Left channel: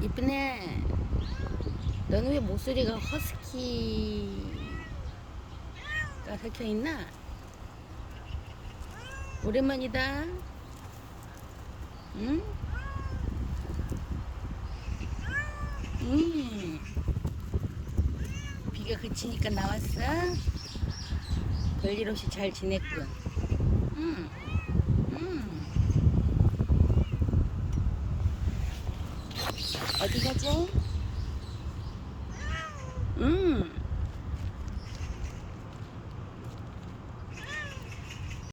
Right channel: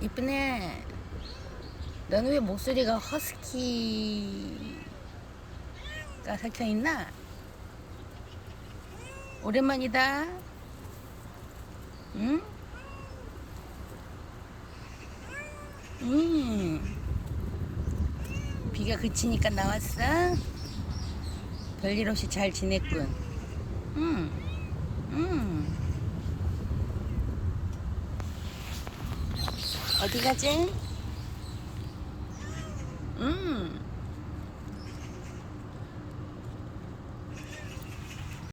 이쁘네. 너는 왜 목소리가 허스키가 섞여있나? 오랜만이다. 응? 비가 그치니까 나왔어? 별일 없이 잘 지냈군. 응. 어디 가지?